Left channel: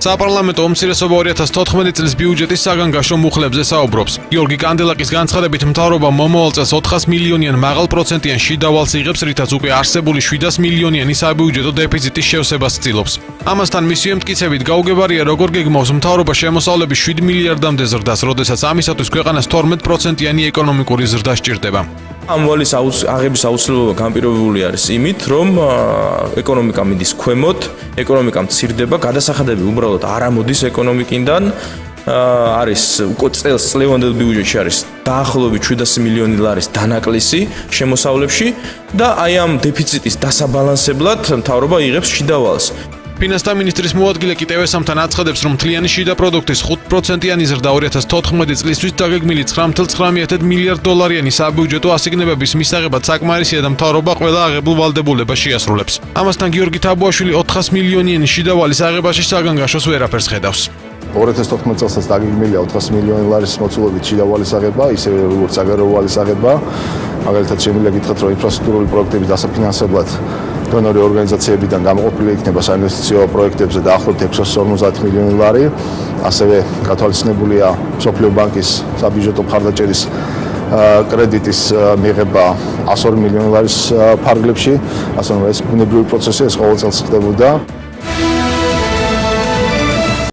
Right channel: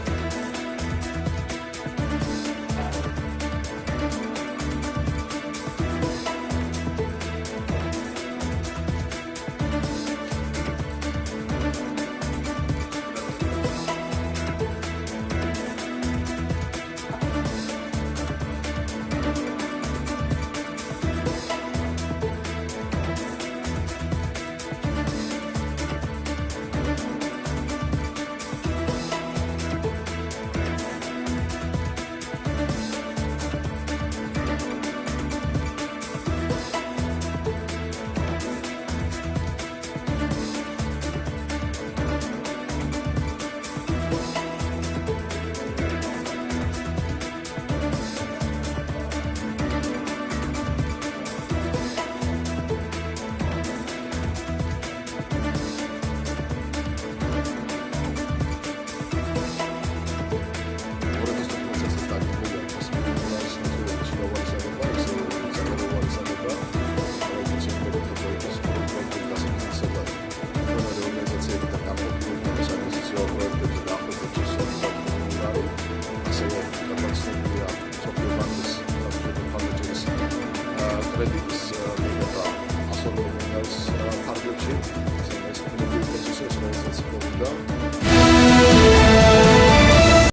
საპარლამენტო უმცირესობა 2014 წლის ბიუჯეტის საგანგაშო მუხლებზე საუბრობს. გიორგი კანდელაკის განცხადებით მთავრობა მომავალ წელს 400 მილიონიან მაღალ პროცენტიან შიდავალს იღებს, რითაც უკვე არსებული 700 მილიონიანი საბიუჯეტო დეფიციტის შევსებას ცდილობს. ამასთან მისი ემტკიცებით გაუგებარია, როგორ გეგმავს მთავრობა შემოსავლების 7 მილიარდამდე ზრდას, როდესაც ამისათვის ქვეყანას 12%-იანი ეკონომიკური ზრდა სჭირდება. ამ ვალის აღების აუცილებლობა განპირობებული არის იმით, რომ ეკონომიკა მიდის ქვემოთ, ეკონომიკა მცირდება, გადასახადები უბრალოდ არ ამოდის ეკონომიკიდან, არის უკვე წლევანდელ ბიუჯეტში არის დაახლოებით 700 მილიონი ლარის დანაკლისი შემოსავლებში და აი ამ დეფიციტის დასაბალანსებლად მთავრობა იღებს შიდავალს. ფინანსთა მინისტრის მოადგილე კიტევესამთან აცხადებს, რომ მთლიანი შიდა პროდუქტის 5%-იანი ზრდა 2014 წლისთვის დაგეგმილი 9.9 მილიარდ დოლარიანი საბიუჯეტო ასიგნებების მისაღებად საკმარისია და მთავრობა ყველა აღებულ ვალდებულებას შეასრულებს. ამასთან გიორგი თაბუაშვილი 400 მილიონიანი შიდავალის აღებაში საგანგაშოს ვერაფერს ხედავს. 2014 წელსაც დაგეგმილია 400 მილიონი ლარის მოცულობით შიდავალის აღება, ისე როგორც საგარეო ვალის აღება. მაგალითად შემიძლია გითხრათ, რომ ინფრასტრუქტურული პროექტების დასაფინანსებლად დონორი ორგანიზაციებიდან გამოყოფილი იქნება საინვესტიციო პროექტებზე დაახლოებით 650 მილიონი ლარი. ასევე გათვალისწინებულია მსოფლიო ბანკის საბიუჯეტო მხარდაჭერის კრედიტის მიღება 102 მილიონი ლარის ფარგლებში. ასე რომ ეს ბუნებრივი პროცესი ეს ყოველ წელს ხდებოდა.